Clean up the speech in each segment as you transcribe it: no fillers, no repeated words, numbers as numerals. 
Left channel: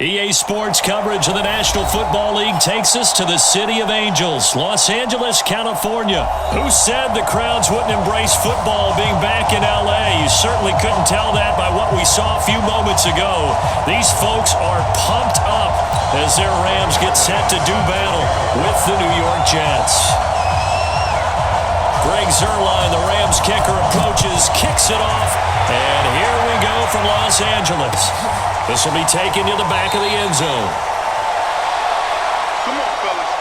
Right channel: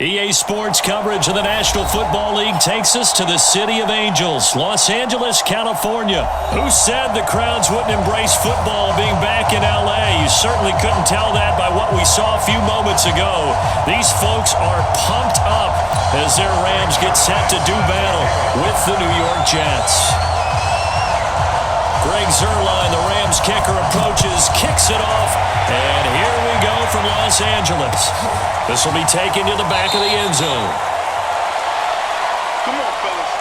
EA Sports coverage of the National Football League takes us to the City of Angels, Los Angeles, California. Who said the crowds wouldn't embrace football being back in L.A.? You certainly couldn't tell that by what we saw a few moments ago. These folks are pumped up as their Rams get set to do battle with the New York Jets. Greg Zuerlein, the Rams kicker, approaches, kicks it off, and here we go from Los Angeles. This will be taken to the back of the end zone. Come on, fellas.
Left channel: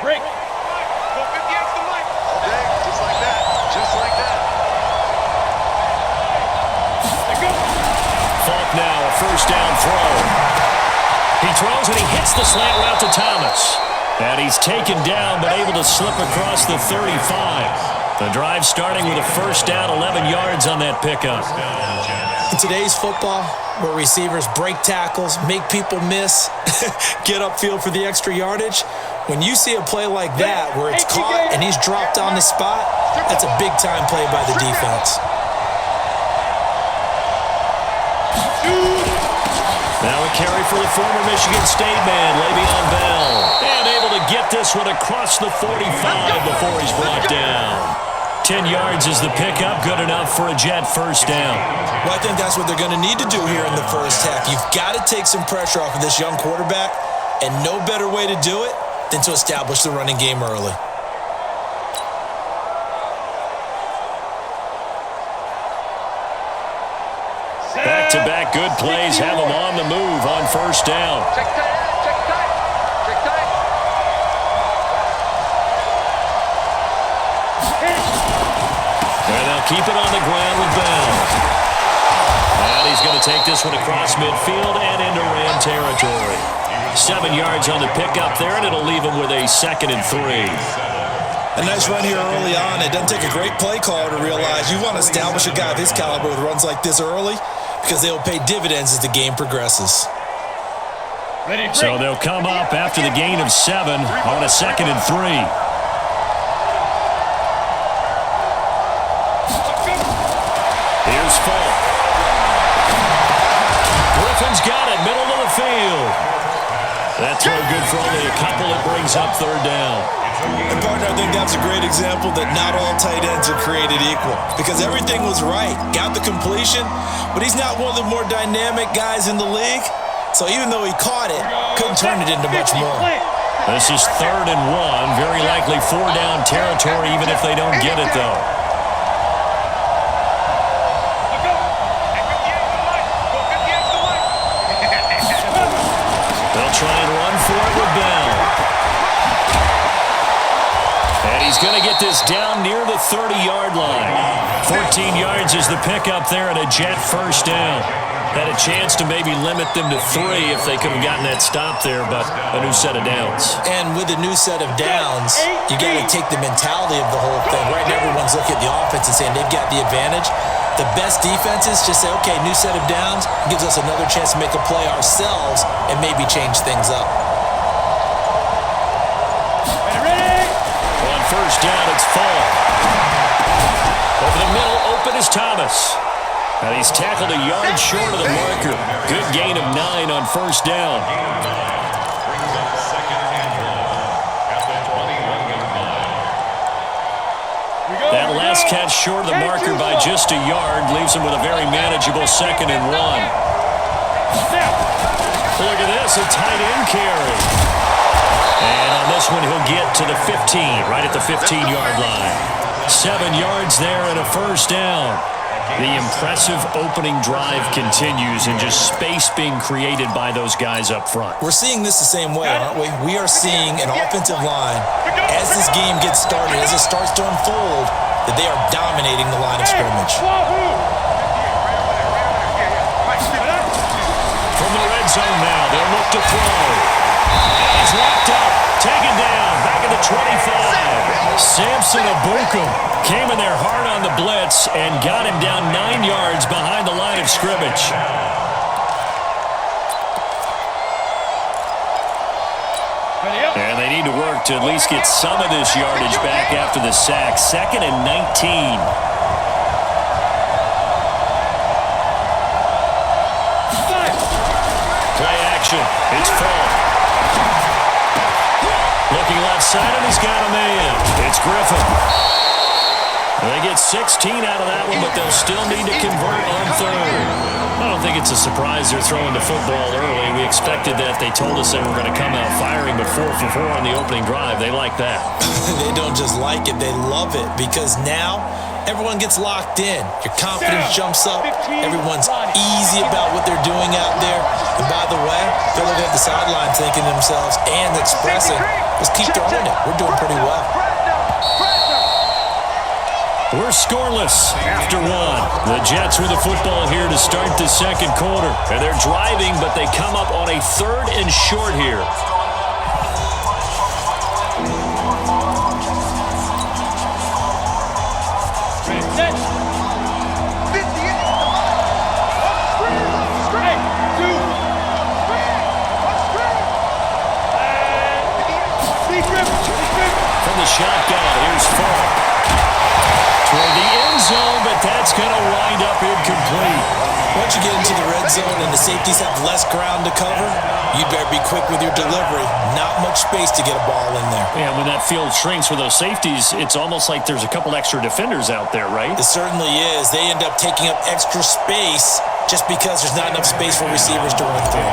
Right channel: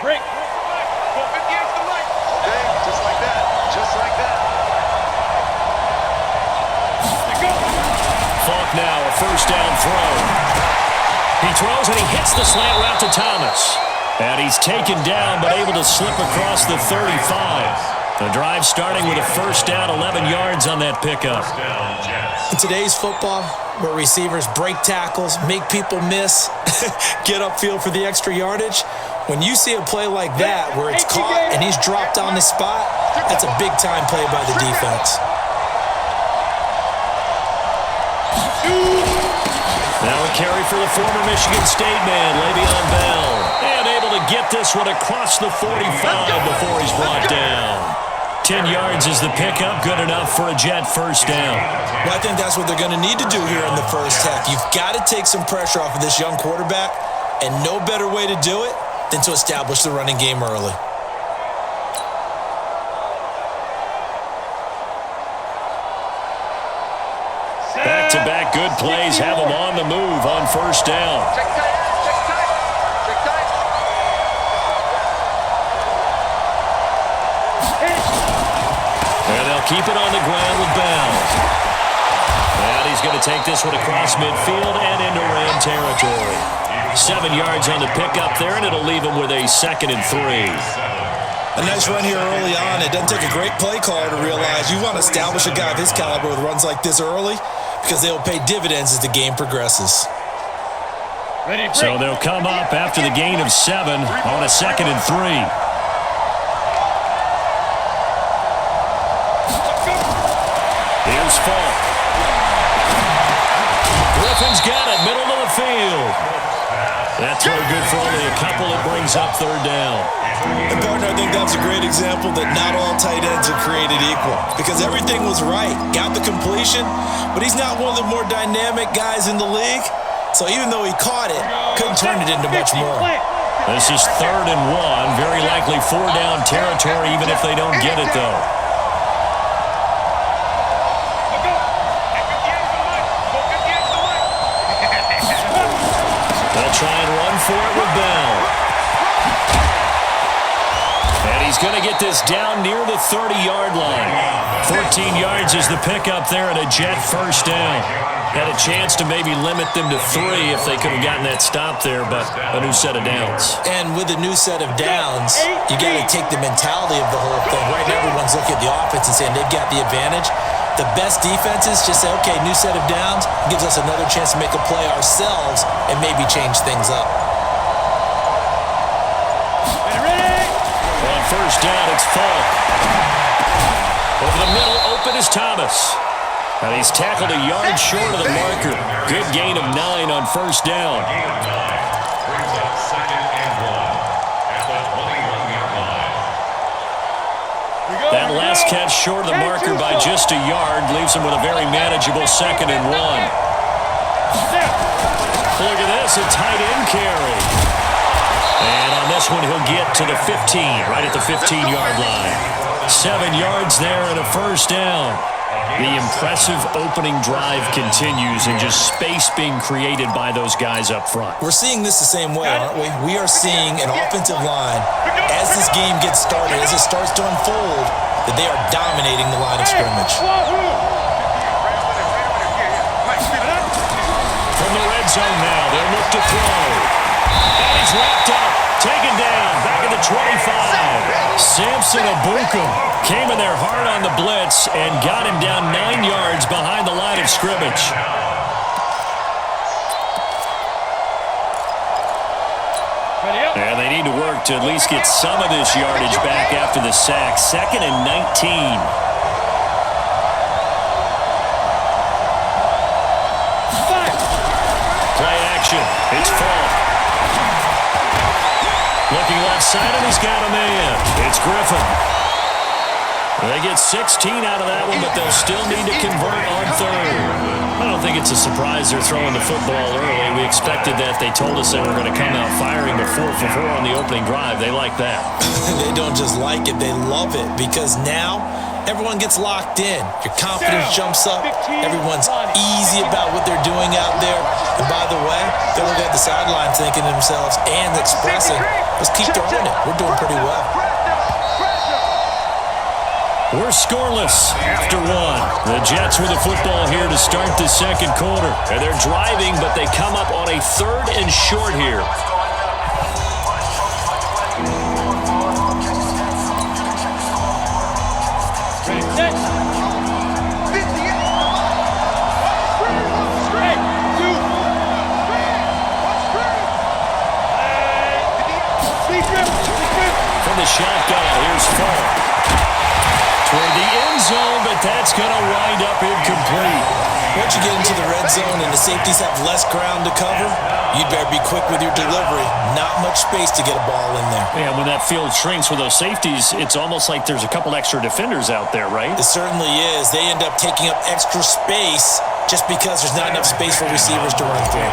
Break. Go 58's the mic. All day, just like that. Just like that. Let go. Falk now, a first down throw. He throws and he hits the slant route to Thomas. And he's taken down but able to slip across the 35. The drive starting with a first down, 11 yards on that pickup. In today's football, where receivers break tackles, make people miss, get upfield for the extra yardage, when you see a play like that where it's caught and he's dropped on the spot, that's a big-time play by the defense. Now a carry for the former Michigan State man, Le'Veon Bell. And able to get this one across the 45 before he's brought down. 10 yards is the pickup, good enough for a Jet first down. Well, I think that's what they're going to need to do here in the first half. You've got to take some pressure off of this young quarterback, and no better way to do it than to establish the running game early. Back-to-back good plays have them on the move on first down. Check tight, check tight, check tight. And they'll keep it on the ground with Bell. And he's going to take this one across midfield and into Ram territory. 7 yards on the pickup there, and it'll leave him with a 2nd and 3. A nice run here early on. It doesn't take a great play caller to realize you want to establish a guy of his caliber with runs like this early because they'll pay dividends as the game progresses. So they'll come up after the gain of 7 on a 2nd and 3. Here's Falk. Griffin's got it, middle of the field. That throw good for only a couple. It brings up third down. And, partner, I think that's a great example that not all tight ends are created equal because everything was right. Got the completion, but he's not one of the more dynamic guys in the league. So even though he caught it, couldn't turn it into much more. This is 3rd and 1. Very likely 4-down territory even if they don't get it, though. They'll try and run for it with Bell. And he's going to get this down near the 30-yard line. 14 yards is the pickup there and a Jet first down. Had a chance to maybe limit them to 3 if they could have gotten that stop there, but a new set of downs. And with a new set of downs, you got to take the mentality of the whole thing. Right now, everyone's looking at the offense and saying they've got the advantage. The best defenses just say, okay, new set of downs gives us another chance to make a play ourselves and maybe change things up. Ready? On first down, it's Falk. Over the middle, open is Thomas. And he's tackled a yard short of the marker. Good gain of 9 on first down. Gain of 9 brings up 2nd and 1 at the 21-yard line. That last catch short of the marker by just a yard leaves him with a very manageable 2nd and 1. Look at this, a tight end carry. And on this one, he'll get to the 15, right at the 15-yard line. 7 yards there and a first down. The impressive opening drive continues and just space being created by those guys up front. We're seeing this the same way, aren't we? We are seeing an offensive line, as this game gets started, as it starts to unfold, that they are dominating the line of scrimmage. From the red zone now, they'll look to throw. And he's wrapped up, taken down, back at the the 25. Samson Abukum came in there hard on the blitz and got him down 9 yards behind the line of scrimmage. Ready up. And they need to work to at least get some of this yardage back after the sack. 2nd and 19. Fire. Play action. It's Falk. Looking left side, and he's got a man. It's Griffin. They get 16 out of that one, but they'll still need to convert on 3rd. I don't think it's a surprise they're throwing the football early. We expected that. They told us they were going to come out firing, but 4 for 4 on the opening drive. They like that. They don't just like it, they love it, because now everyone gets locked in. Your confidence jumps up. Everyone's easy about what they're doing out there. And by the way, they're looking at the sideline thinking to themselves and expressing, let's keep throwing it. We're doing pretty well. We're scoreless after 1. The Jets with the football here to start the 2nd quarter. And they're driving, but they come up on a 3rd and short here. Ready, set. 58, come on. Watch the screen, watch the screen. Hey, 2. Screen, watch the screen. Speed trip. From the shotgun, here's Falk. Toward the end zone, but that's going to wind up incomplete. Once you get into the red zone and the safeties have less ground to cover, you'd better be quick with your delivery. Not much space to get a ball in there. Yeah, when that field shrinks with those safeties, it's almost like there's a couple extra defenders out there, right? It certainly is. They end up taking up extra space just because there's not enough space for receivers to run through.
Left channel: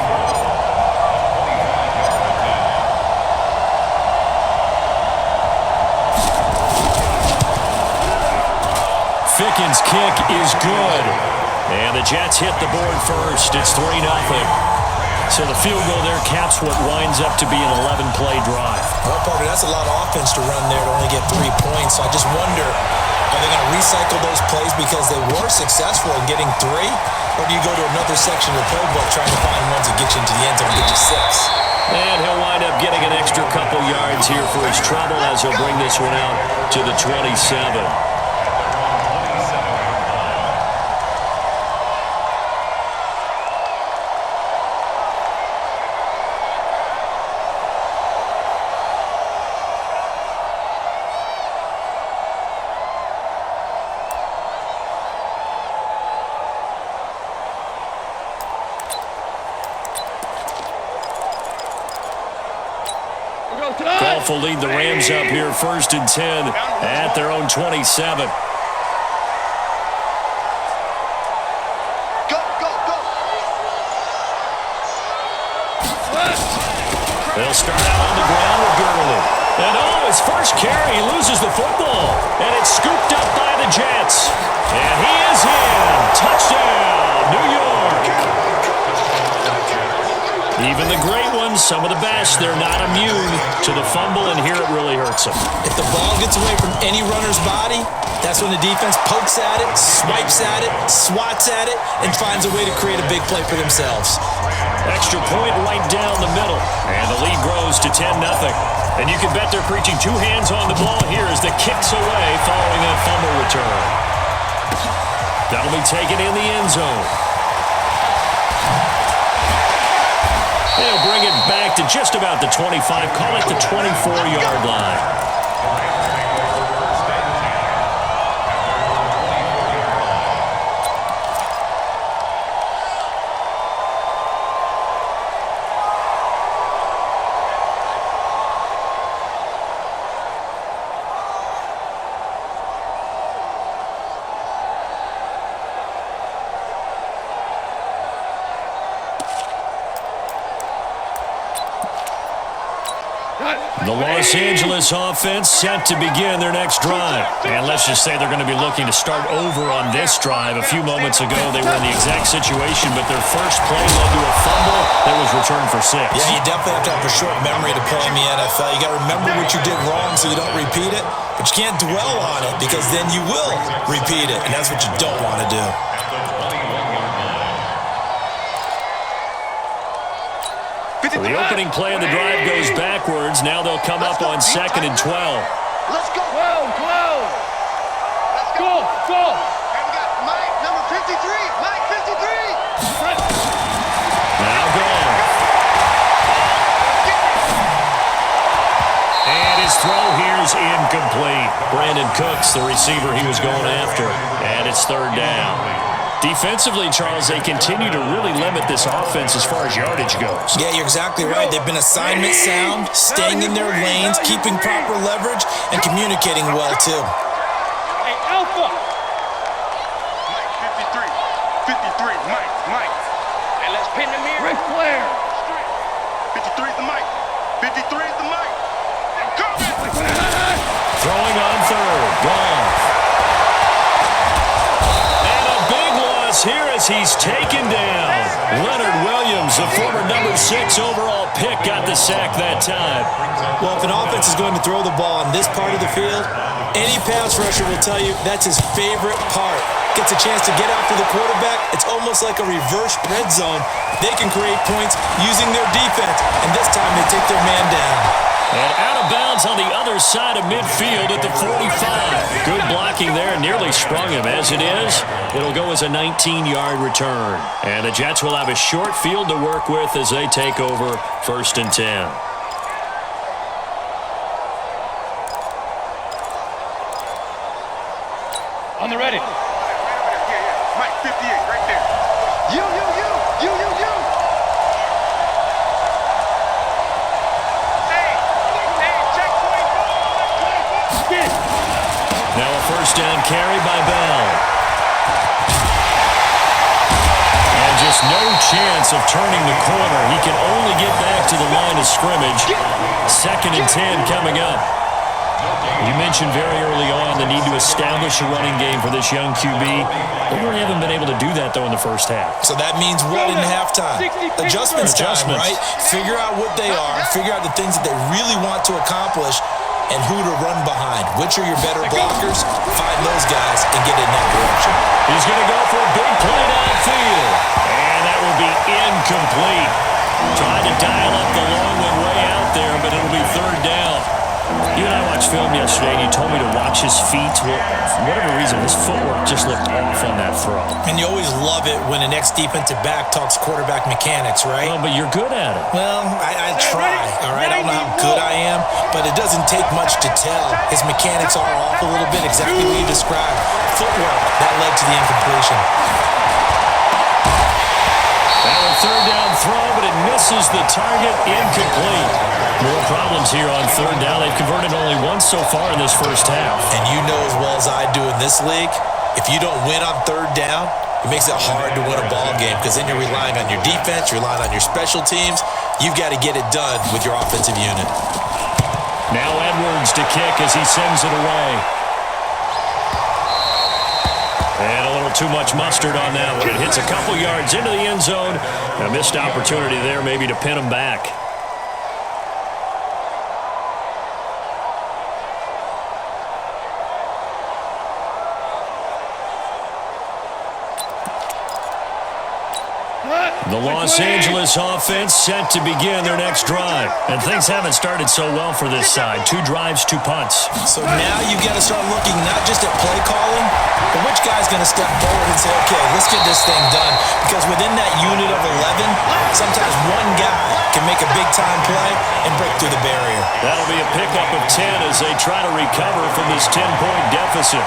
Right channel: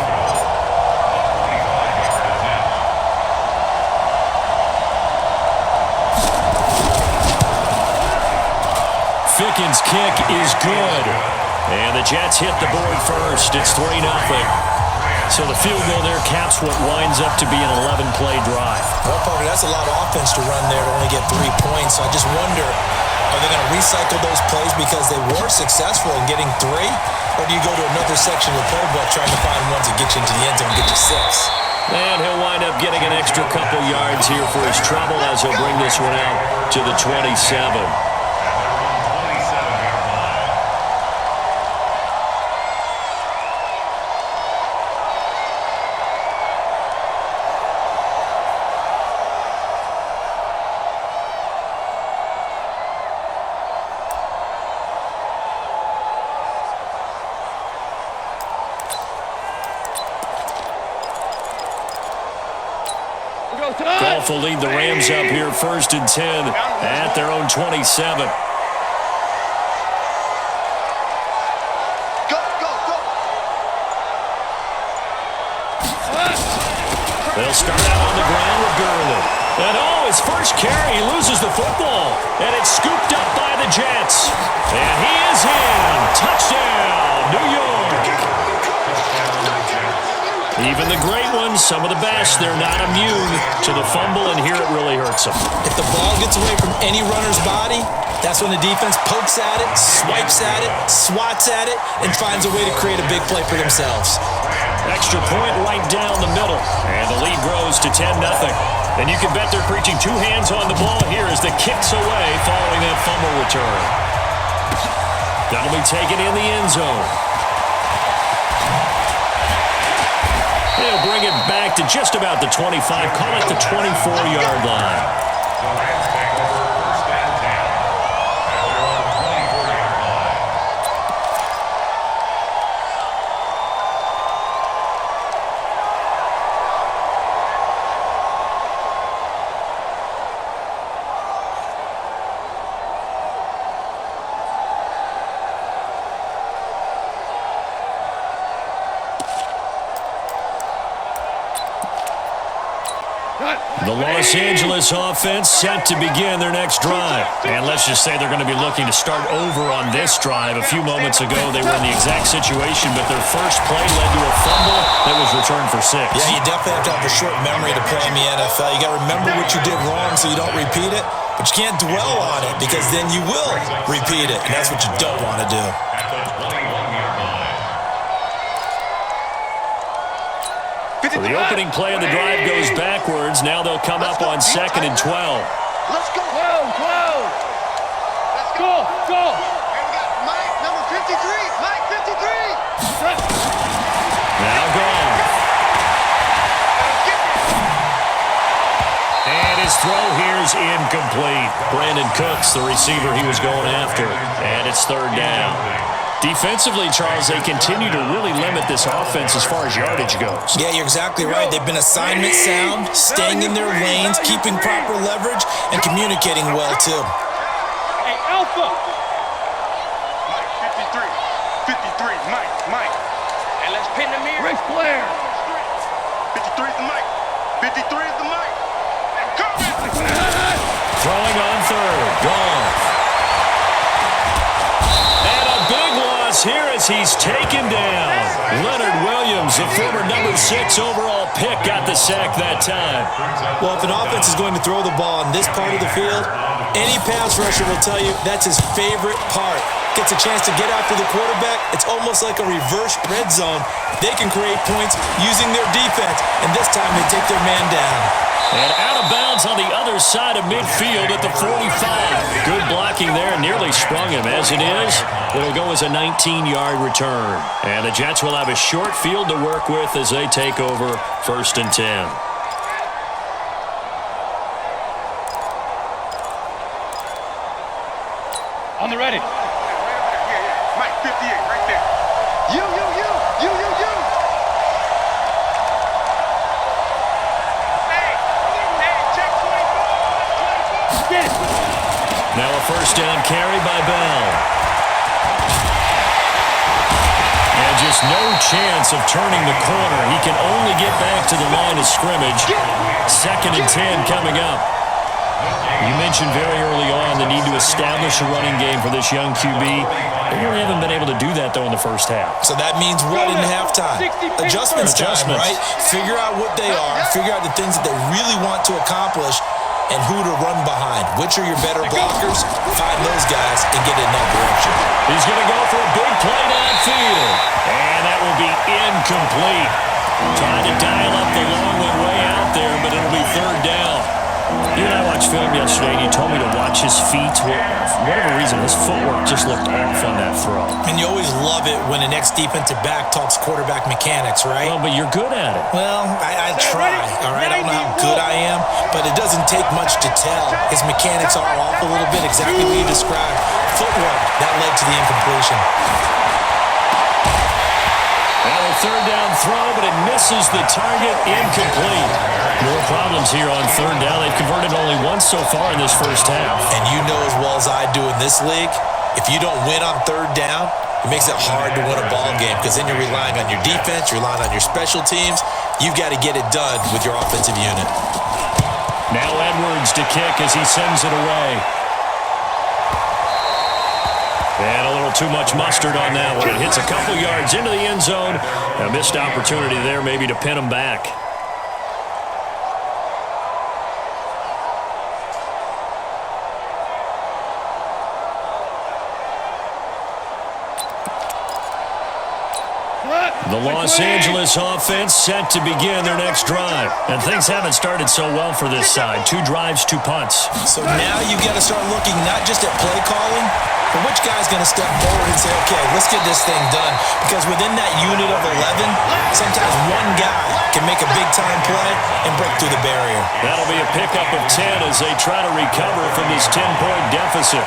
Fickens' kick is good. And the Jets hit the board first. It's 3-0. So the field goal there caps what winds up to be an 11-play drive. Well, Parker, that's a lot of offense to run there to only get 3 points. So I just wonder, are they going to recycle those plays because they were successful in getting 3? Or do you go to another section of the playbook trying to find ones that get you into the end zone and get you 6? And he'll wind up getting an extra couple yards here for his trouble as he'll bring this one out to the 27. Goff will lead the Rams up here 1st and 10 at their own 27. Go, go, go. They'll start out on the ground with Gurley. And his first carry, he loses the football. And it's scooped up by the Jets. And he is in. Touchdown, New York. Even the great ones, some of the best, they're not immune to the fumble, and here it really hurts them. If the ball gets away from any runner's body, that's when the defense pokes at it, swipes at it, swats at it, and finds a way to create a big play for themselves. Extra point right down the middle, and the lead grows to 10-0. And you can bet they're preaching 2 hands on the ball here as the kick's away following that fumble return. That'll be taken in the end zone. They'll bring it back to just about the 25, call it the 24-yard line. The Rams take over 1st and 10 at their own 24-yard line. The Los Angeles offense set to begin their next drive. And let's just say they're going to be looking to start over on this drive. A few moments ago, they were in the exact situation, but their first play led to a fumble that was returned for 6. Yeah, you definitely have to have a short memory to play in the NFL. You got to remember what you did wrong so you don't repeat it, but you can't dwell on it because then you will repeat it, and that's what you don't want to do. At the 21-yard line. So the opening play of the drive goes backwards. Now they'll come up on 2nd and 12. Let's go. 12, 12. Let's go. Go. Hey, we got Mike, number 53. Mike, 53. Trent. Now gone. And his throw here's incomplete. Brandon Cooks, the receiver he was going after. And it's 3rd down. Defensively, Charles, they continue to really limit this offense as far as yardage goes. Yeah, you're exactly right. They've been assignment sound, staying in their lanes, keeping proper leverage, and communicating well, too. Hey, Alpha. Mike, 53. 53. Mike. Hey, let's pin the mirror. Ric Flair. 53 is the Mike. 53 is the Mike. I'm coming. Throwing on 3rd. Gone. And a big loss here as he's taken down. Leonard Williams, the former number 6 overall pick, got the sack that time. Well, if an offense is going to throw the ball in this part of the field, any pass rusher will tell you that's his favorite part. Gets a chance to get after the quarterback. It's almost like a reverse red zone. They can create points using their defense, and this time they take their man down. And out of bounds on the other side of midfield at the 45. Good blocking there, nearly sprung him. As it is, it'll go as a 19-yard return. And the Jets will have a short field to work with as they take over 1st and 10. On the ready. Right over there. Yeah. Mike, 58, right there. You. Hey, check 24. Watch 24. Get it. Now a 1st down carry by Bell. And just no chance of turning the corner. He can only get back to the line of scrimmage. 2nd and 10 coming up. You mentioned very early on the need to establish a running game for this young QB. They really haven't been able to do that, though, in the first half. So that means what in halftime? Adjustments time, right? Figure out what they are, figure out the things that they really want to accomplish, and who to run behind. Which are your better blockers? Find those guys and get in that direction. He's going to go for a big play downfield. And that will be incomplete. Tried to dial up the long one way out there, but it'll be 3rd down. You and I watched film yesterday, and you told me to watch his feet. Well, for whatever reason, his footwork just looked off on that throw. And you always love it when an ex-defensive back talks quarterback mechanics, right? Well, but you're good at it. Well, I try, all right? I don't know how good I am, but it doesn't take much to tell. His mechanics are off a little bit, exactly what you described. Footwork, that led to the incompletion. Now a 3rd down throw, but it misses the target, incomplete. More problems here on 3rd down. They've converted only once so far in this first half. And you know as well as I do in this league, if you don't win on 3rd down, it makes it hard to win a ball game because then you're relying on your defense, you're relying on your special teams. You've got to get it done with your offensive unit. Now Edwards to kick as he sends it away. And a little too much mustard on that one. It hits a couple yards into the end zone. A missed opportunity there maybe to pin him back. The Los Angeles offense set to begin their next drive. And things haven't started so well for this side. 2 drives, 2 punts. So now you've got to start looking not just at play calling, but which guy's going to step forward and say, okay, let's get this thing done. Because within that unit of 11, sometimes one guy can make a big-time play and break through the barrier. That'll be a pickup of 10 as they try to recover from this 10-point deficit.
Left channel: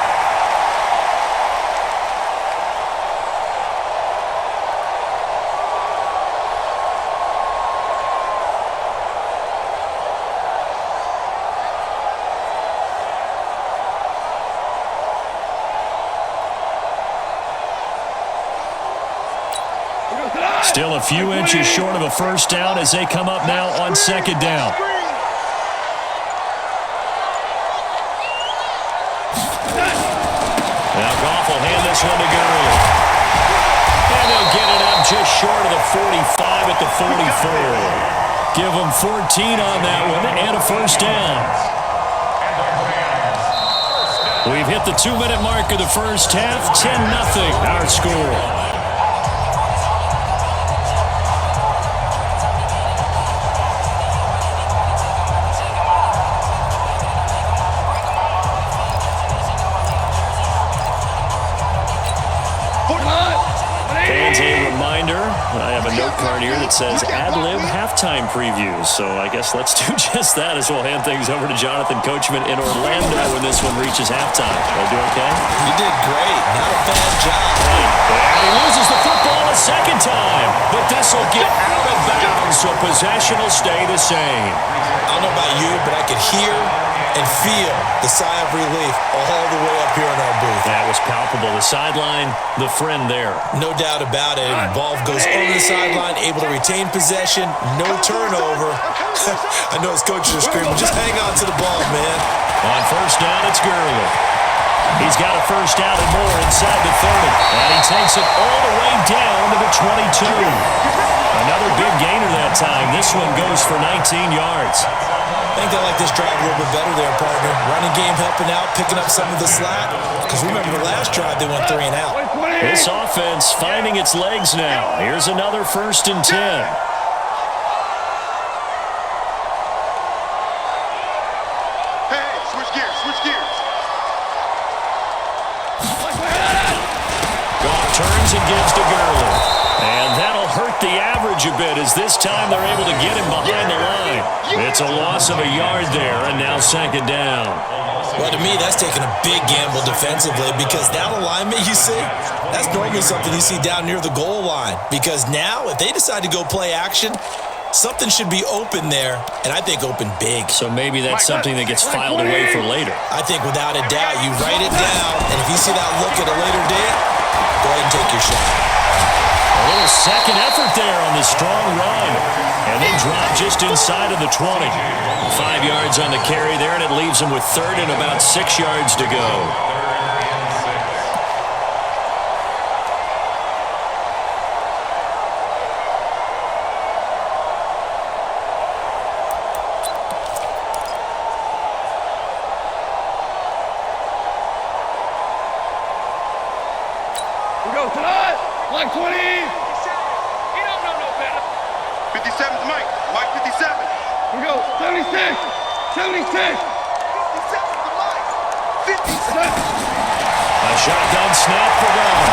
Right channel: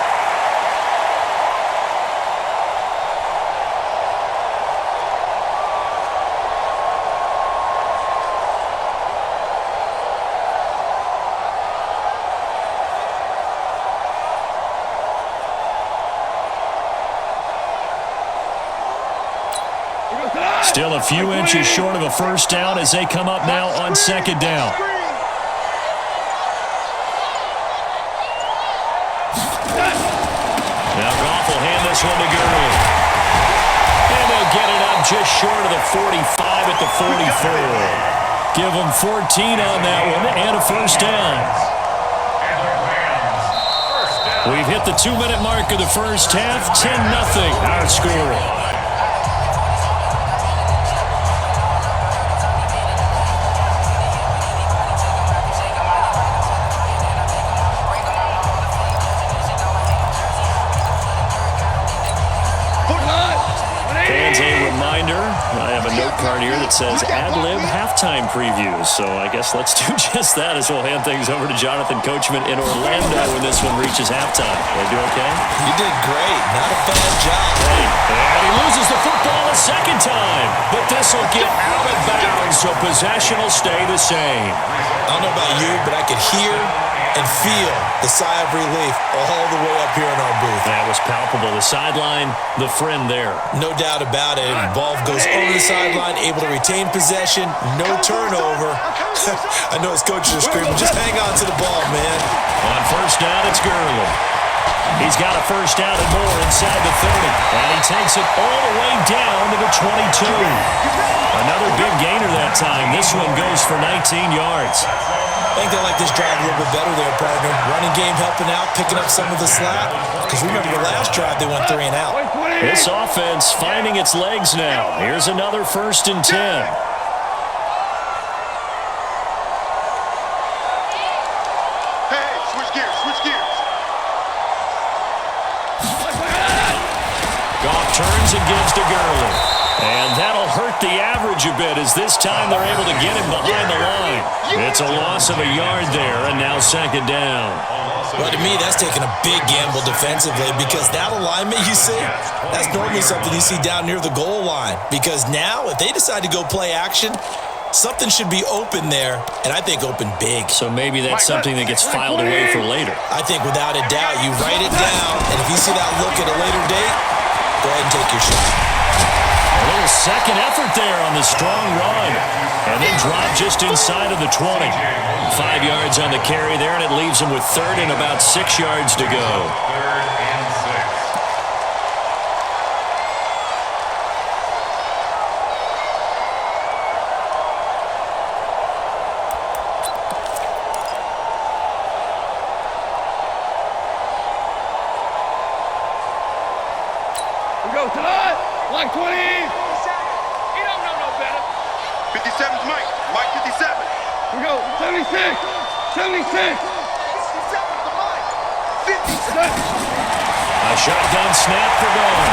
Still a few inches short of a first down as they come up now on 2nd down. Now Goff will hand this one to Gurley. And they'll get it up just short of the 45 at the 44. Give them 14 on that one and a first down. We've hit the 2-minute mark of the first half. 10-0 our score. fans a reminder. I have a note card here that says ad-lib halftime previews. So I guess let's do just that as we'll hand things over to Jonathan Coachman in Orlando when this one reaches halftime. Did I do okay? You did great. Not a bad job. And he loses the football a second time. But this will get out of bounds, so possession will stay the same. I don't know about you, but I could hear and feel the sigh of relief all the way up here in our booth. That was palpable. The sideline, the friend there. No doubt about it. The ball goes over the sideline, able to retain possession, no turnover. I know his coaches are screaming, just hang on to the ball, man. On first down, it's Gurley. He's got a first down and more inside the 30. And he takes it all the way down to the 22. Another big gainer that time. This one goes for 19 yards. I think they like this drive a little bit better there, partner. Running game helping out, picking up some of the slack. Because remember the last drive, they went 3 and out. This offense finding its legs now. Here's another 1st and 10. Hey, switch gears, switch gears. Goff turns and gives to Gurley. And that'll hurt the average a bit as this time they're able to get him behind the line. It's a loss of a yard there, and now 2nd down. Well, to me, that's taking a big gamble defensively because that alignment you see, that's normally something you see down near the goal line. Because now, if they decide to go play action, something should be open there, and I think open big. So maybe that's something that gets filed away for later. I think without a doubt, you write it down, and if you see that look at a later date, go ahead and take your shot. A little second effort there on the strong run. And then drop just inside of the 20. 5 yards on the carry there, and it leaves him with 3rd and about 6 yards to go. 3rd and 6. We go tonight. Like 20. 57. He don't know no better. 57's Mike. Mike 57. We go 76. 76. 57's the Mike. 57. A shotgun snap for Goff.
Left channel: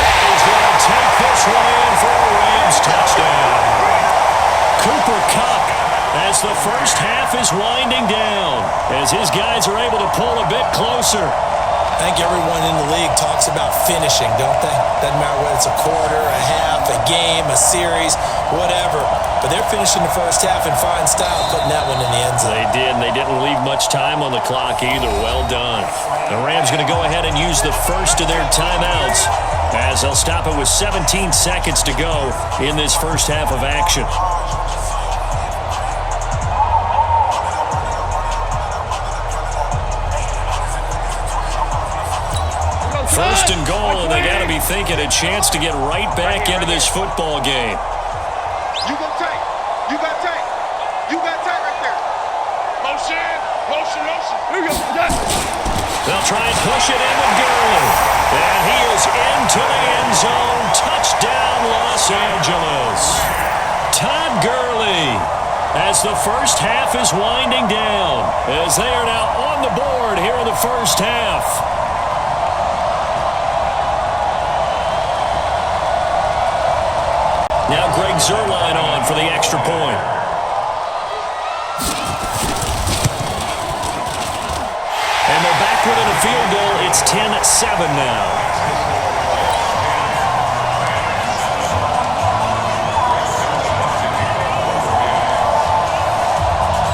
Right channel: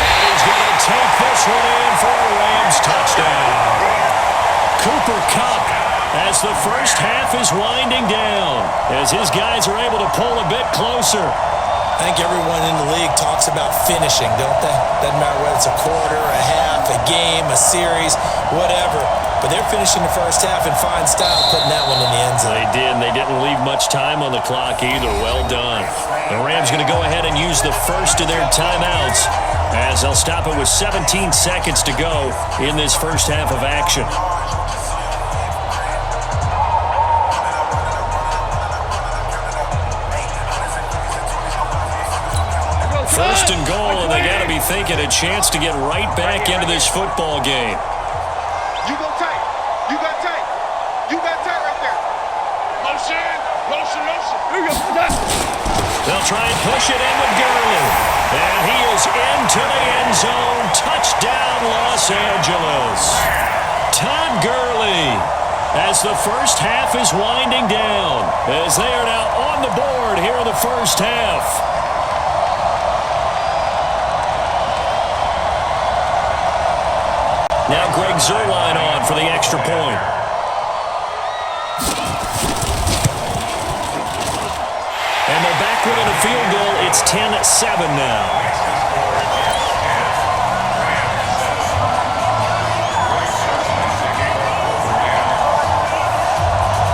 And he's going to take this one in for a Rams touchdown. Cooper Kupp as the first half is winding down, as his guys are able to pull a bit closer. I think everyone in the league talks about finishing, don't they? Doesn't matter whether it's a quarter, a half, a game, a series, whatever. But they're finishing the first half in fine style, putting that one in the end zone. They did, and they didn't leave much time on the clock either. Well done. The Rams going to go ahead and use the first of their timeouts as they'll stop it with 17 seconds to go in this first half of action. First and goal, and they got to be thinking a chance to get right back into this football game. You go tight. You got tight. You got tight right there. Motion, motion, motion. Here we go. They'll try and push it in with Gurley. And he is into the end zone. Touchdown, Los Angeles. Todd Gurley, as the first half is winding down, as they are now on the board here in the first half. Now Greg Zuerlein on for the extra point. And they're back within a field goal. It's 10-7 now.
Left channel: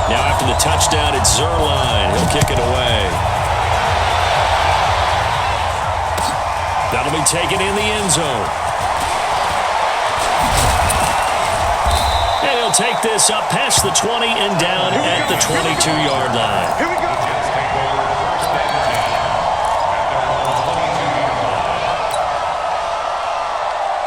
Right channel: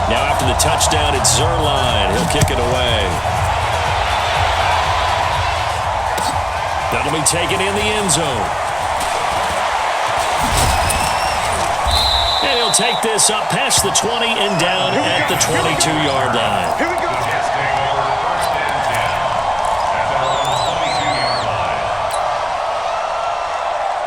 Now after the touchdown, it's Zuerlein. He'll kick it away. That'll be taken in the end zone. And he'll take this up past the 20 and down at the 22-yard line. Here we go. The Jets take over 1st and 10 at their own 22-yard line.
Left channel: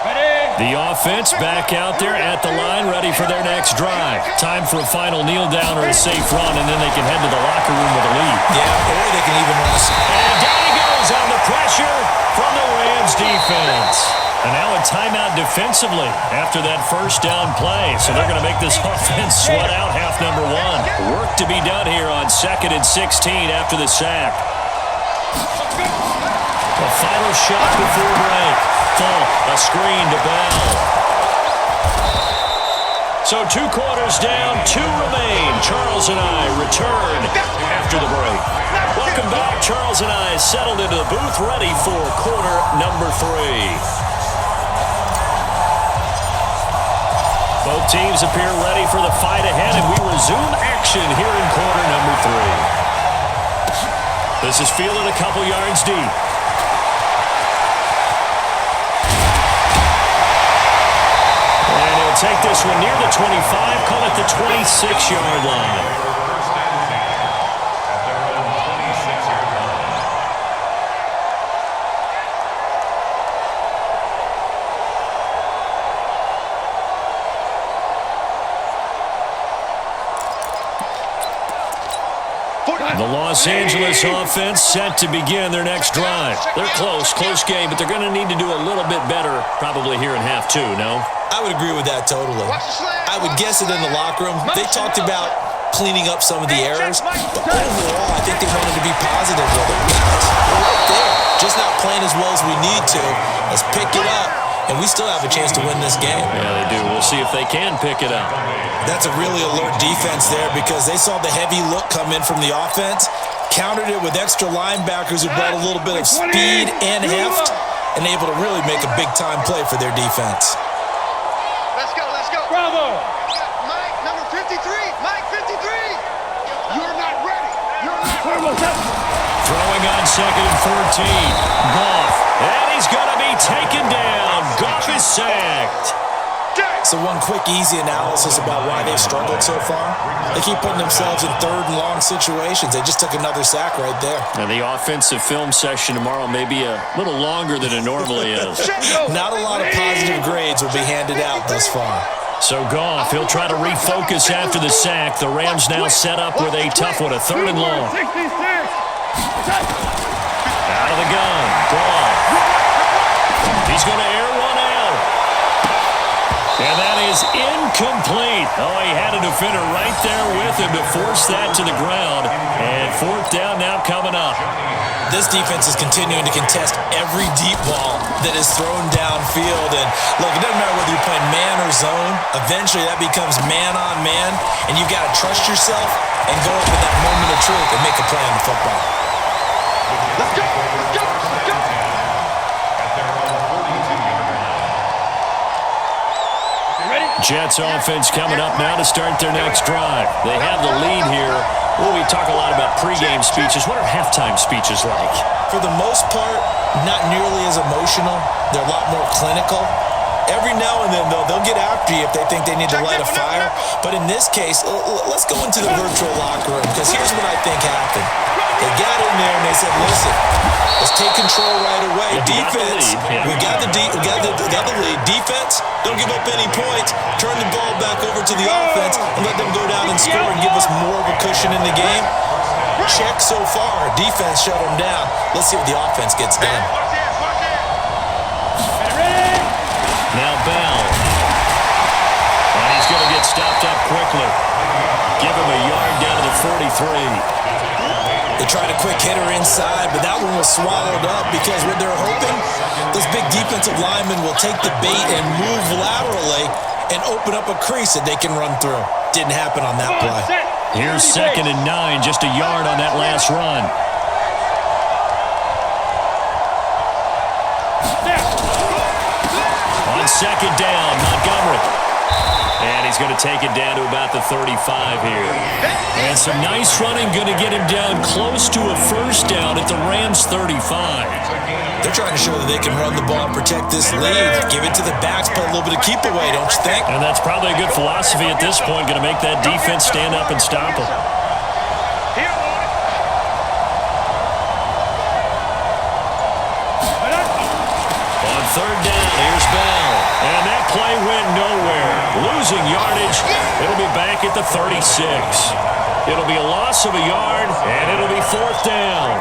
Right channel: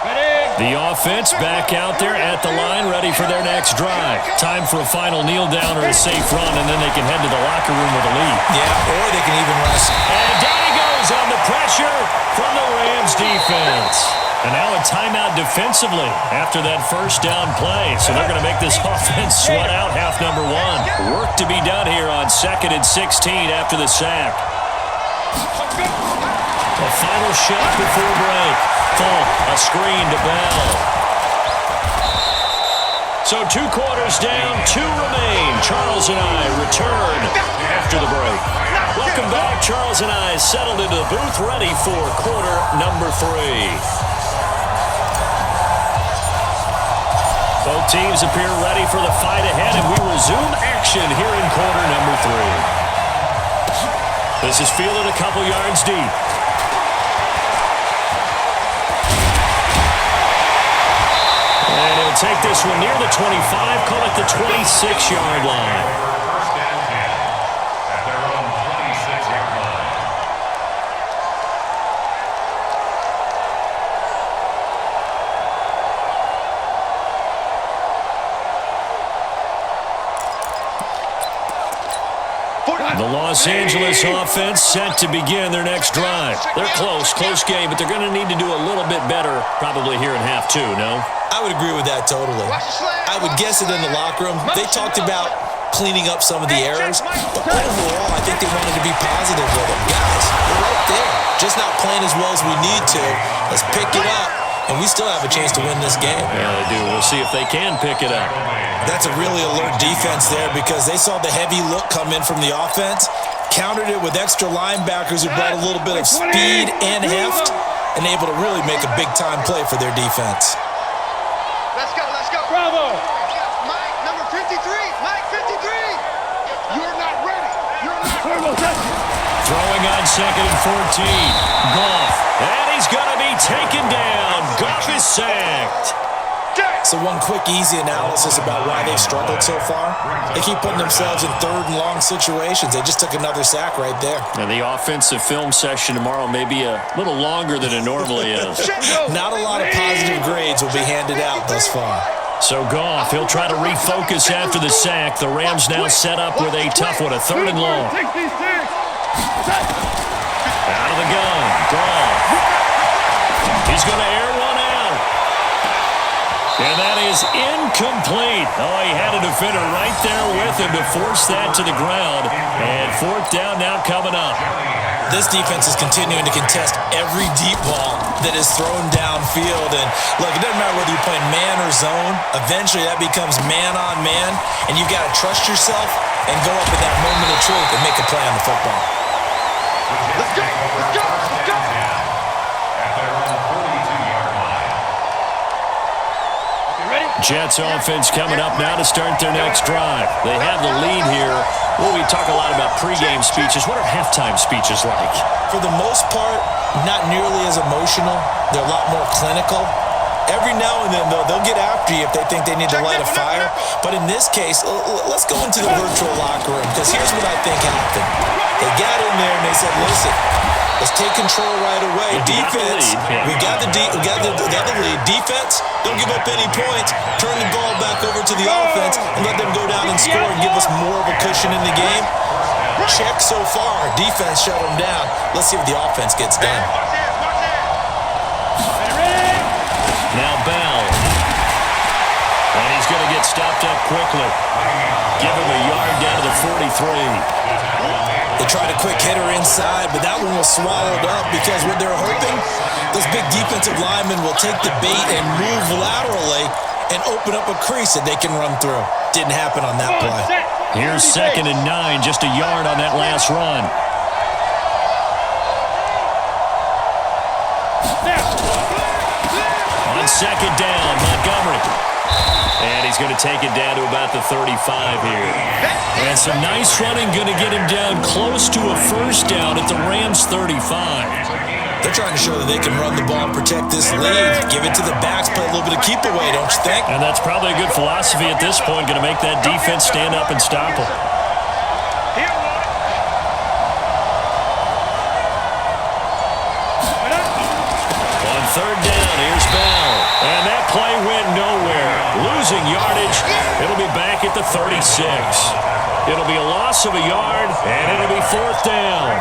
Ready? The offense back out there at the line, ready for their next drive. Time for a final kneel down or a safe run, and then they can head to the locker room with a lead. Yeah, or they can even run a... And down he goes on the pressure from the Rams defense. And now a timeout defensively after that first down play. So they're going to make this offense sweat out half number 1. Work to be done here on 2nd and 16 after the sack. Let's go. A final shot before break. Falk, a screen to Bell. So 2 quarters down, 2 remain. Charles and I return after the break. Welcome back. Charles and I settled into the booth, ready for quarter number 3. Both teams appear ready for the fight ahead, and we resume action here in quarter number 3. This is fielded a couple yards deep. And he'll take this one near the 25, call it the 26-yard line. First and 10 at their own 26-yard line. The Los Angeles offense set to begin their next drive. They're close game, but they're going to need to do a little bit better probably here in half 2, no? I would agree with that totally. I would guess it in the locker room. They talked about cleaning up some of the errors, but overall, I think they wanted to be positive with them. Guys, we're right there. Just not playing as well as we need to. Let's pick it up, and we still have a chance to win this game. Yeah, they do. We'll see if they can pick it up. That's a really alert defense there because they saw the heavy look come in from the offense, countered it with extra linebackers who brought a little bit of speed and heft, and able to really make a big-time play for their defense. Let's go, let's go. Bravo. Mike, number 53. Mike, 53. You're not ready. You're not Turbo touch. Throwing on 2nd and 14. Goff. And he's going to be taken down. Goff is sacked. So one quick, easy analysis about why they've struggled so far. They keep putting themselves in 3rd and long situations. They just took another sack right there. And the offensive film session tomorrow may be a little longer than it normally is. Not a lot of positive grades will be handed out thus far. So Goff, he'll try to refocus after the sack. The Rams now set up with a tough one, a 3rd and long. 66. Out of the gun, Goff. He's going to air one out. And that is incomplete. Oh, he had a defender right there with him to force that to the ground. And 4th down now coming up. This defense is continuing to contest every deep ball that is thrown downfield. And look, it doesn't matter whether you're playing man or zone. Eventually, that becomes man on man. And you've got to trust yourself and go up at that moment of truth and make a play on the football. Let's go, let's go, let's go. At their own 42-yard line. Ready? Jets offense coming up now to start their next drive. They have the lead here. Well, we talk a lot about pregame speeches. What are halftime speeches like? For the most part, not nearly as emotional. They're a lot more clinical. Every now and then, though, they'll get after you if they think they need to light a fire. But in this case, let's go into the virtual locker room because here's what I think happened. They got in there and they said, listen, let's take control right away. Defense, we got the lead. Defense, don't give up any points. Turn the ball back over to the offense and let them go down and score and give us more of a cushion in the game. Check so far. Defense shut them down. Let's see what the offense gets done. Watch this, watch this. Ready? Now Bell. And he's going to get stopped up quickly. Give him a yard down to the 43. They tried a quick hitter inside, but that one was swallowed up because what they're hoping, those big defensive linemen will take the bait and move laterally and open up a crease that they can run through. Didn't happen on that play. Here's 2nd and 9, just a yard on that last run. On 2nd down, Montgomery. And he's going to take it down to about the 35 here. And some nice running going to get him down close to a 1st down at the Rams' 35. They're trying to show that they can run the ball, protect this lead, give it to the backs, play a little bit of keep away, don't you think? And that's probably a good philosophy at this point, going to make that defense stand up and stop them. He don't want it. On 3rd down, here's Bell. And that play went nowhere. Losing yardage. It'll be back at the 36. It'll be a loss of a yard, and it'll be 4th down.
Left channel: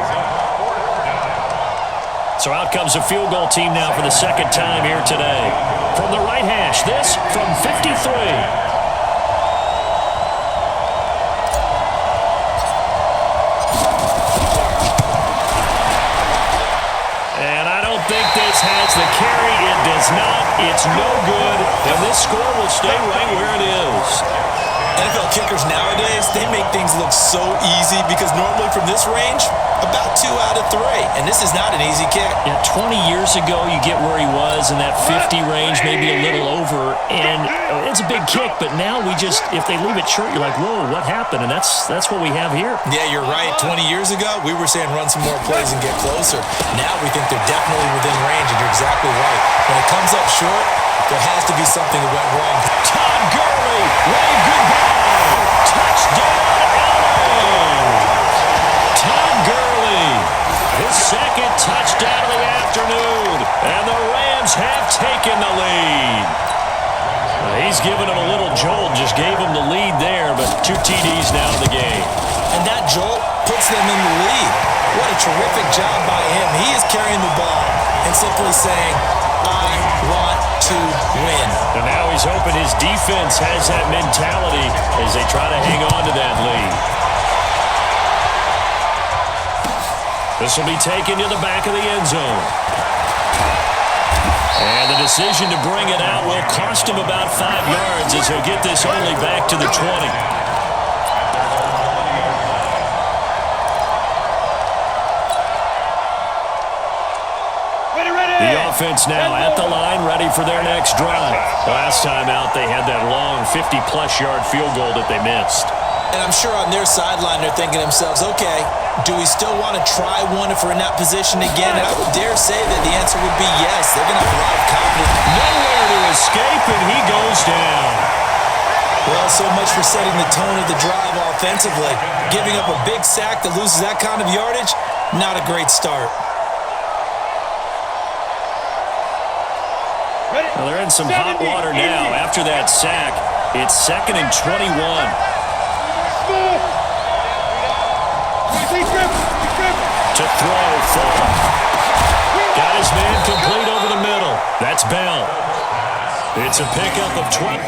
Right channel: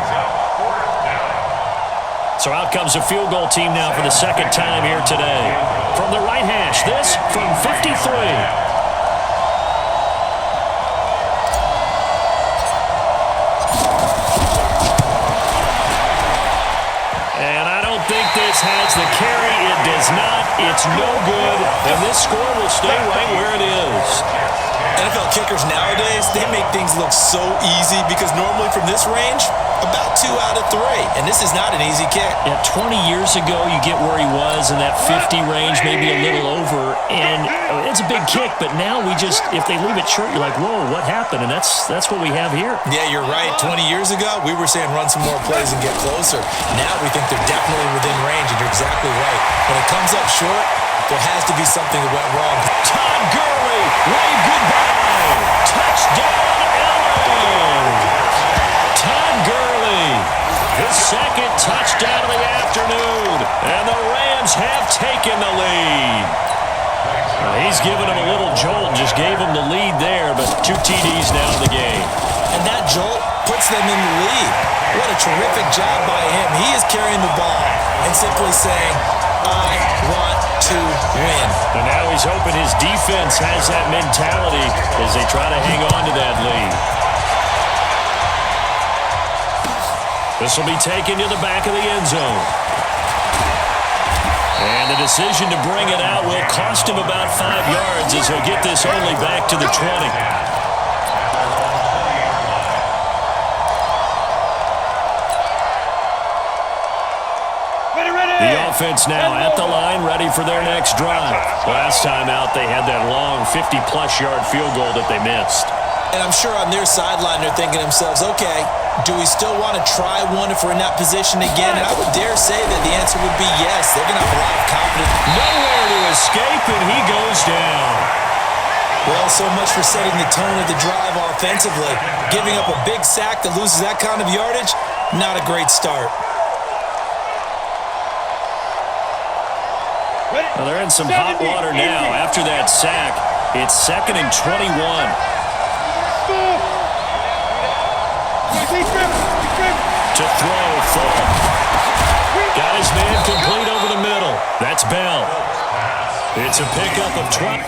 So out comes a field goal team now for the 2nd time here today. From the right hash, this from 53. don't think this has the carry. It does not. It's no good. And this score will stay right where it is. NFL kickers nowadays, they make things look so easy because normally from this range, about 2 out of 3. And this is not an easy kick. Yeah, 20 years ago, you get where he was in that 50 range, maybe a little over. And it's a big kick, but now we just, if they leave it short, you're like, whoa, what happened? And that's what we have here. Yeah, you're right. 20 years ago, we were saying run some more plays and get closer. Now we think they're definitely within range, and you're exactly right. When it comes up short, there has to be something that went wrong. Todd Gurley, wave goodbye. Touchdown, LA. Todd Gurley, his second touchdown of the afternoon, and the Rams have taken the lead. He's given him a little jolt, just gave him the lead there, but 2 TDs now in the game. And that jolt puts them in the lead. What a terrific job by him. He is carrying the ball and simply saying, I want to win. And now he's hoping his defense has that mentality as they try to hang on to that lead. This will be taken to the back of the end zone. And the decision to bring it out will cost him about 5 yards as he'll get this only back to the 20. The offense now at the line, ready for their next drive. Last time out, they had that long 50-plus yard field goal that they missed. And I'm sure on their sideline, they're thinking to themselves, okay, do we still want to try one if we're in that position again? And I would dare say that the answer would be yes. They're going to have a lot of confidence. Nowhere to escape, and he goes down. Well, so much for setting the tone of the drive offensively. Giving up a big sack that loses that kind of yardage, not a great start. Well, they're in some hot water now. After that sack, it's 2nd and 21. To throw, Fall. Got his man complete over the middle. That's Bell. It's a pickup of 12.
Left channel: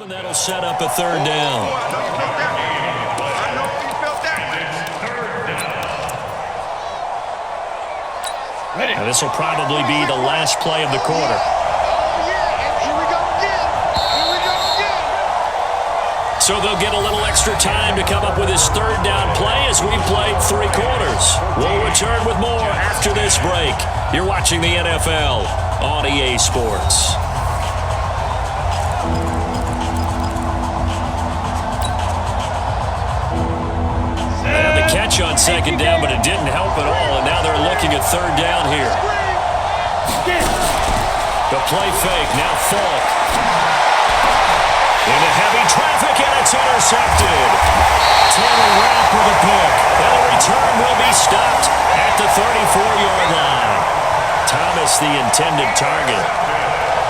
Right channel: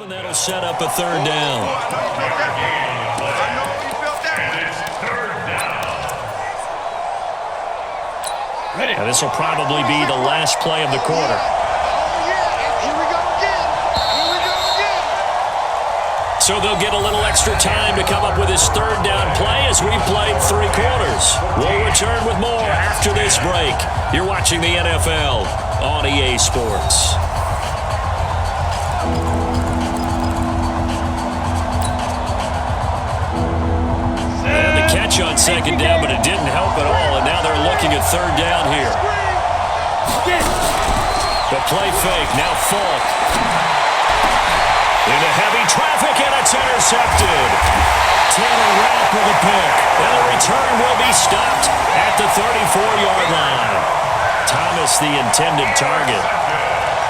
And that'll set up a 3rd down. I know you felt that one. It's 3rd down. Now, this will probably be the last play of the quarter. Oh, yeah. And here we go again. Here we go again. So they'll get a little extra time to come up with his 3rd down play as we played 3 quarters. We'll return with more after this break. You're watching the NFL on EA Sports. And the catch on 2nd down, but it didn't help at all, and now they're looking at 3rd down here. The play fake, now Falk. Into heavy traffic, and it's intercepted. Taylor Rapp with a pick, and the return will be stopped at the 34-yard line. Thomas, the intended target.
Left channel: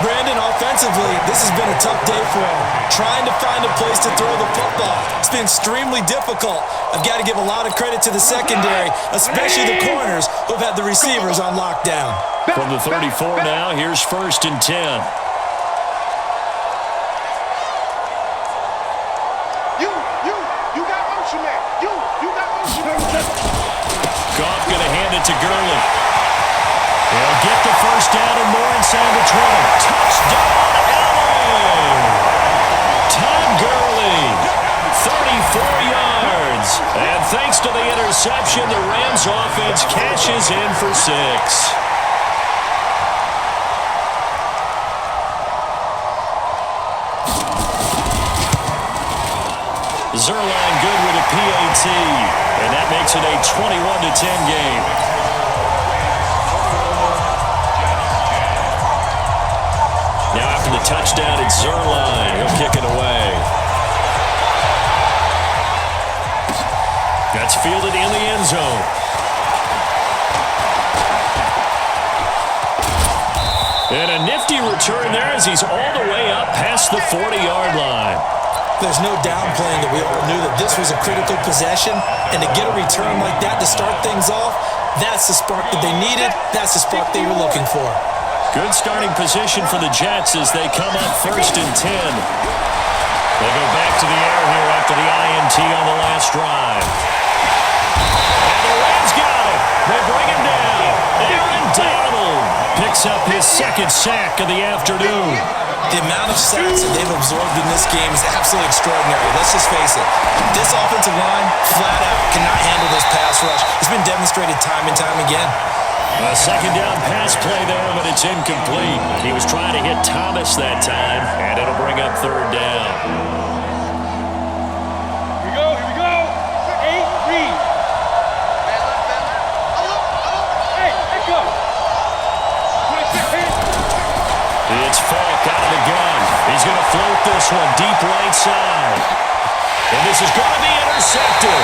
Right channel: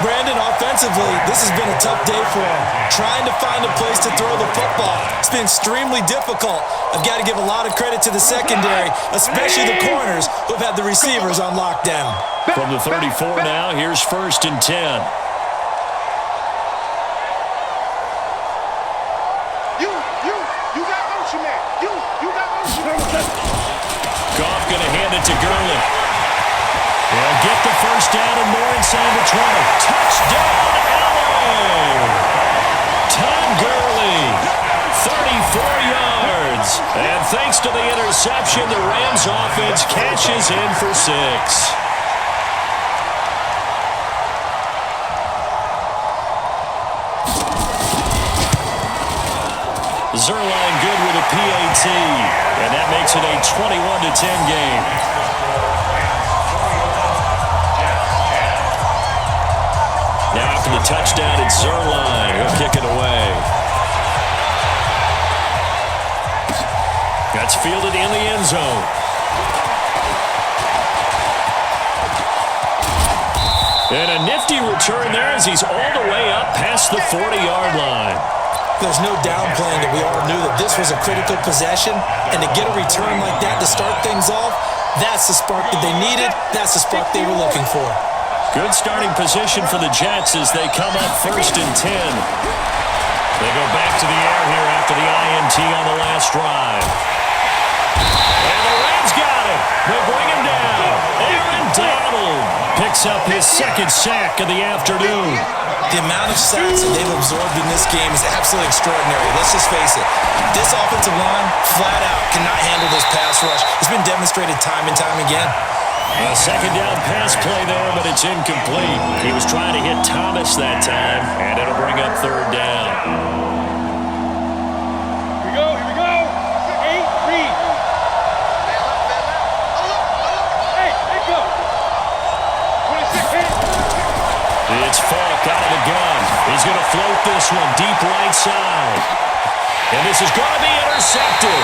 Brandon, offensively, this has been a tough day for him. Trying to find a place to throw the football. It's been extremely difficult. I've got to give a lot of credit to the secondary, especially the corners who've had the receivers on lockdown. From the 34 now, here's 1st and 10. You got motion, man. You got motion. Goff going to hand it to Gurley. He'll get the 1st down and more inside the 20. Touchdown, LA! Todd Gurley, 34 yards. And thanks to the interception, the Rams offense cashes in for 6. Zerline good with a PAT, and that makes it a 21-10 game. Now after the touchdown, it's Zerline. He'll kick it away. That's fielded in the end zone. And a nifty return there as he's all the way up past the 40-yard line. There's no downplaying that we all knew that this was a critical possession, and to get a return like that to start things off, that's the spark that they needed. That's the spark they were looking for. Good starting position for the Jets as they come up 1st and 10. They go back to the air here after the INT on the last drive. And the Rams got it. They bring him down. Aaron Donald picks up his 2nd sack of the afternoon. The amount of sacks that they've absorbed in this game is absolutely extraordinary. Let's just face it. This offensive line, flat out, cannot handle this pass rush. It's been demonstrated time and time again. A 2nd down pass play there, but it's incomplete. He was trying to hit Thomas that time, and it'll bring up 3rd down. Here we go. 8, read. Man left. Alert. Hey, echo. 26. Hit it. It's Falk out of the gun. He's going to float this one deep right side. And this is going to be intercepted.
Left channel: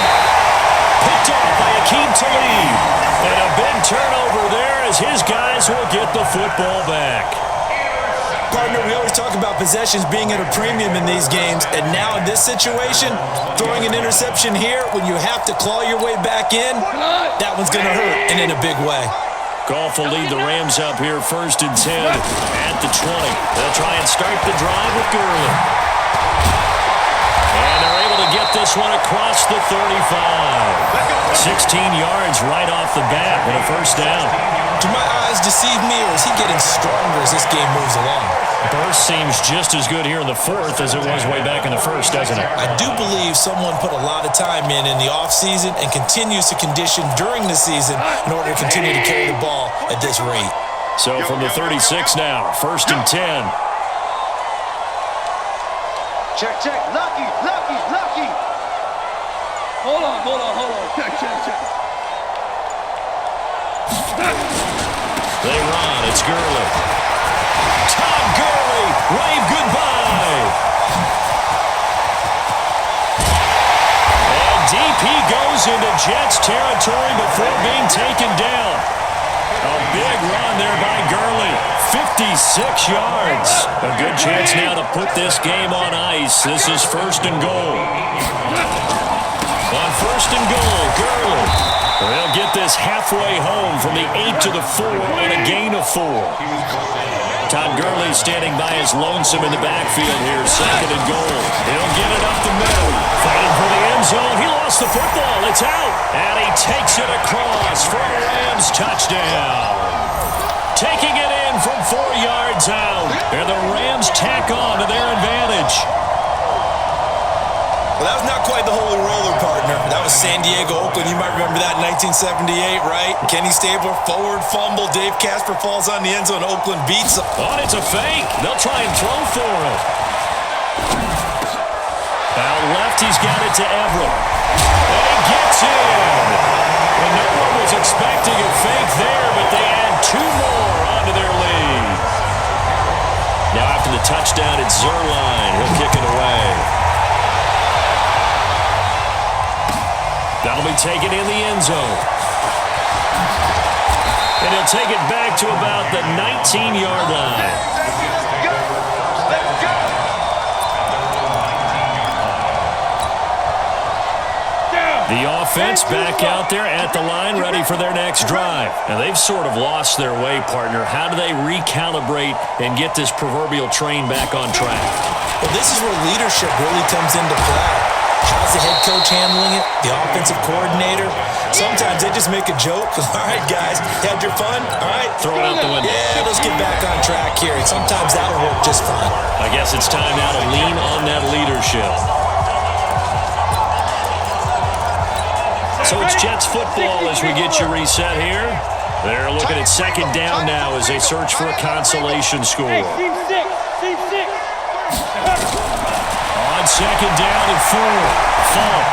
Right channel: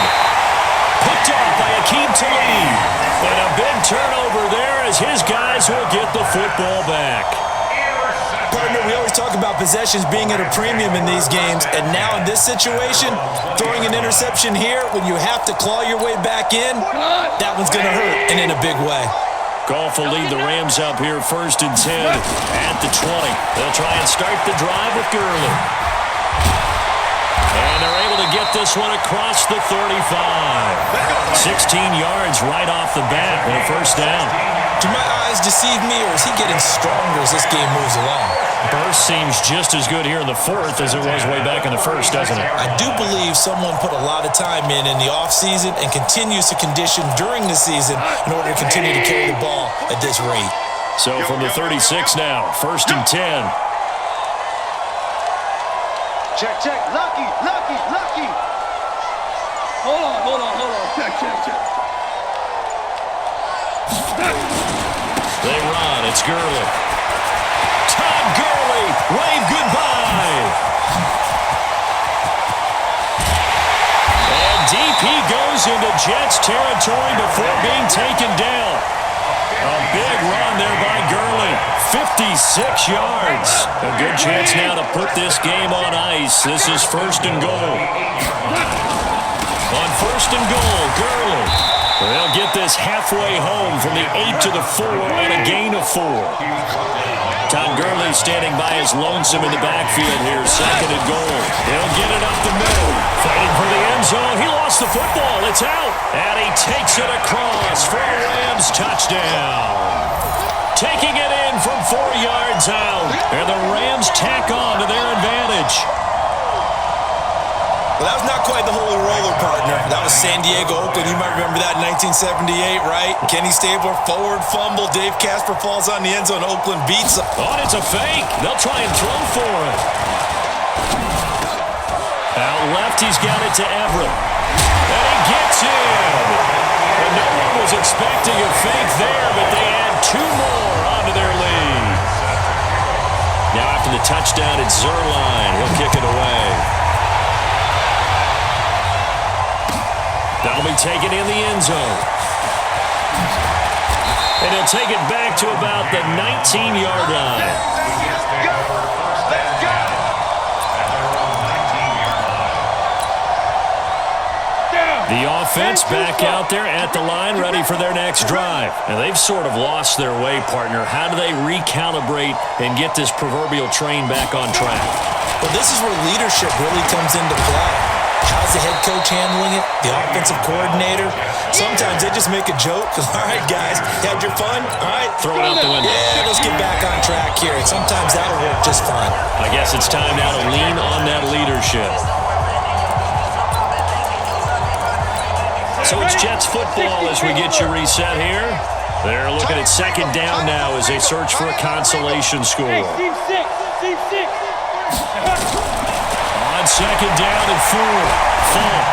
Picked off by Akeem Talib. And a big turnover there as his guys will get the football back. Partner, we always talk about possessions being at a premium in these games, and now in this situation, throwing an interception here when you have to claw your way back in, that one's going to hurt, and in a big way. Goff will lead the Rams up here 1st and 10 at the 20. They'll try and start the drive with Gurley. And they're able to get this one across the 35. 16 yards right off the bat and a 1st down. Do my eyes deceive me, or is he getting stronger as this game moves along? Burst seems just as good here in the 4th as it was way back in the 1st, doesn't it? I do believe someone put a lot of time in the offseason and continues to condition during the season in order to continue to carry the ball at this rate. So from the 36 now, 1st and 10. Check. Lucky. Hold on. Check. They run. It's Gurley. Todd Gurley, wave goodbye. And DP goes into Jets territory before being taken down. A big run there by Gurley. 56 yards. A good chance now to put this game on ice. This is 1st and goal. On 1st and goal, Gurley. They'll get this halfway home from the 8 to the 4 on a gain of 4. Todd Gurley standing by his lonesome in the backfield here, 2nd and goal. He'll get it up the middle. Fighting for the end zone. He lost the football. It's out. And he takes it across for a Rams touchdown. Taking it in from 4 yards out. And the Rams tack on to their advantage. Well, that was not quite the holy roller, partner. That was San Diego, Oakland. You might remember that in 1978, right? Kenny Stabler, forward fumble. Dave Casper falls on the end zone. Oakland beats him. Oh, it's a fake. They'll try and throw for it. Out left, he's got it to Everett. And he gets in. And no one was expecting a fake there, but they add 2 more onto their lead. Now after the touchdown, it's Zerline. He'll kick it away. That'll be taken in the end zone. And he'll take it back to about the 19-yard line. Let's go. At their own 19-yard line. The offense back out there at the line, ready for their next drive. And they've sort of lost their way, partner. How do they recalibrate and get this proverbial train back on track? Well, this is where leadership really comes into play. How's the head coach handling it? The offensive coordinator? Sometimes they just make a joke. All right, guys, you had your fun? All right. Throw it out the window. Yeah, let's get back on track here. And sometimes that'll work just fine. I guess it's time now to lean on that leadership. So it's Jets football as we get you reset here. They're looking at 2nd down now as they search for a consolation score. Hey, team 6. On 2nd down and 4, Falk.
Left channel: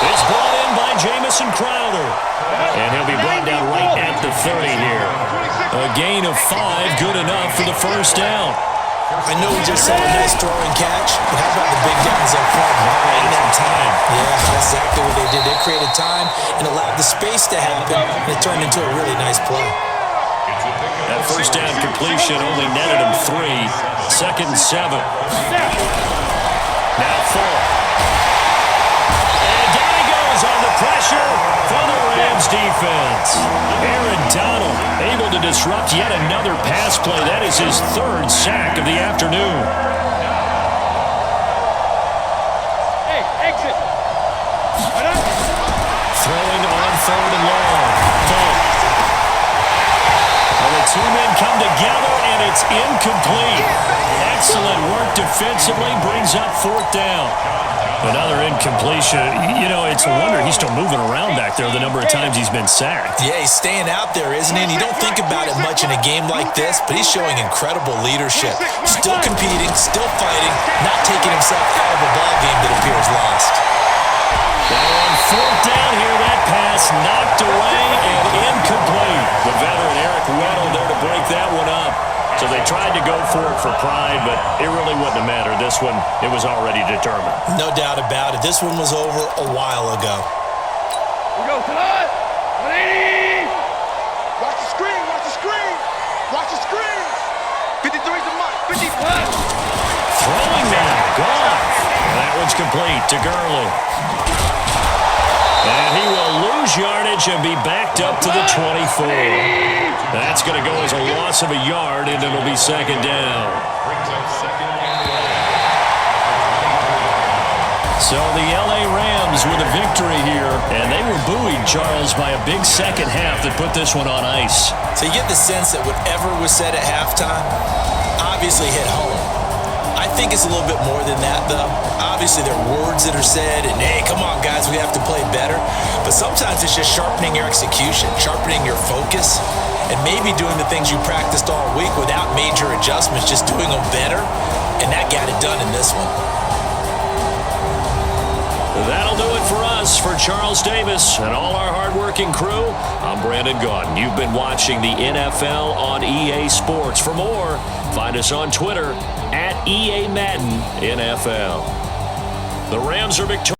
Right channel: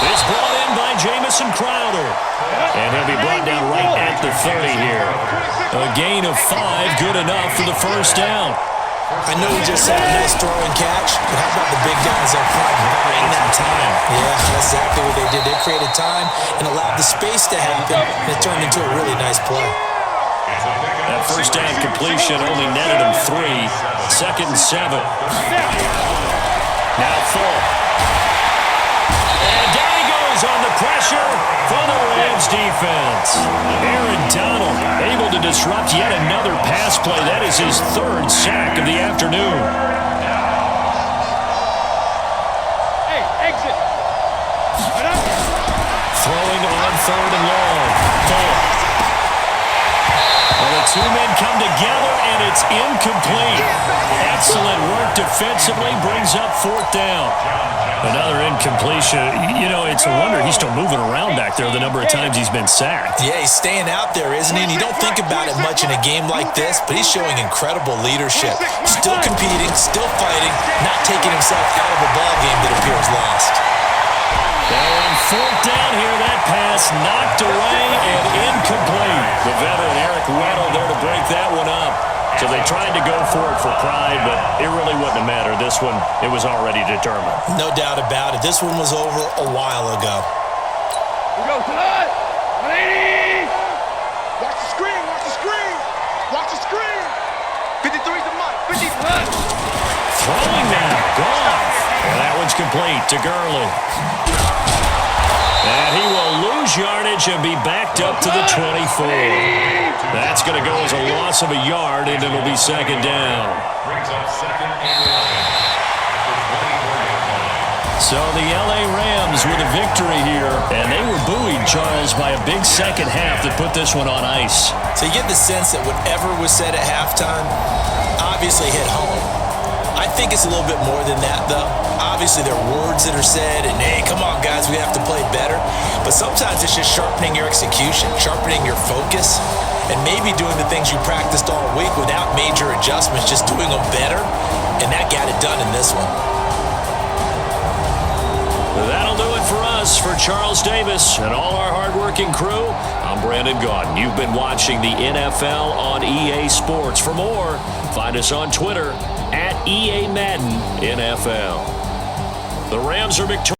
It's brought in by Jamison Crowder. And he'll be brought down right at the 30 here. A gain of 5, good enough for the first down. I know we just saw a nice throw and catch, but how about the big guys up front buying that time? Yeah, that's exactly what they did. They created time and allowed the space to happen, and it turned into a really nice play. That first down completion only netted him 3. 2nd and 7. Now full. And down he goes on the pressure for the Rams defense. Aaron Donald able to disrupt yet another pass play. That is his 3rd sack of the afternoon. Hey, exit. Throwing on 3rd and long. Full. Well, the two men come together, and it's incomplete. Excellent work defensively, brings up 4th down. Another incompletion. You know, it's a wonder he's still moving around back there the number of times he's been sacked. Yeah, he's staying out there, isn't he? And you don't think about it much in a game like this, but he's showing incredible leadership. Still competing, still fighting, not taking himself out of a ball game that appears lost. Now on 4th down here, that pass knocked away and incomplete. The veteran Eric Weddle there to break that one up. So they tried to go for it for pride, but it really wouldn't have mattered. This one, it was already determined. No doubt about it. This one was over a while ago. Here we go, tonight. 180. Watch the screen, watch the screen. Watch the screen. 53's the mic. 50. Throwing now, gone. And that one's complete to Gurley. And he will lose yardage and be backed up to the 24. That's going to go as a loss of a yard, and it'll be 2nd down. Brings up 2nd and 11 at the 24-yard line. So the L.A. Rams with a victory here, and they were buoyed, Charles, by a big second half that put this one on ice. So you get the sense that whatever was said at halftime obviously hit home. I think it's a little bit more than that, though. Obviously, there are words that are said, and hey, come on, guys, we have to play better. But sometimes it's just sharpening your execution, sharpening your focus, and maybe doing the things you practiced all week without major adjustments, just doing them better. And that got it done in this one. That'll do it for us. For Charles Davis and all our hardworking crew, I'm Brandon Gaudin. You've been watching the NFL on EA Sports. For more, find us on Twitter @EA Madden NFL. The Rams are victorious.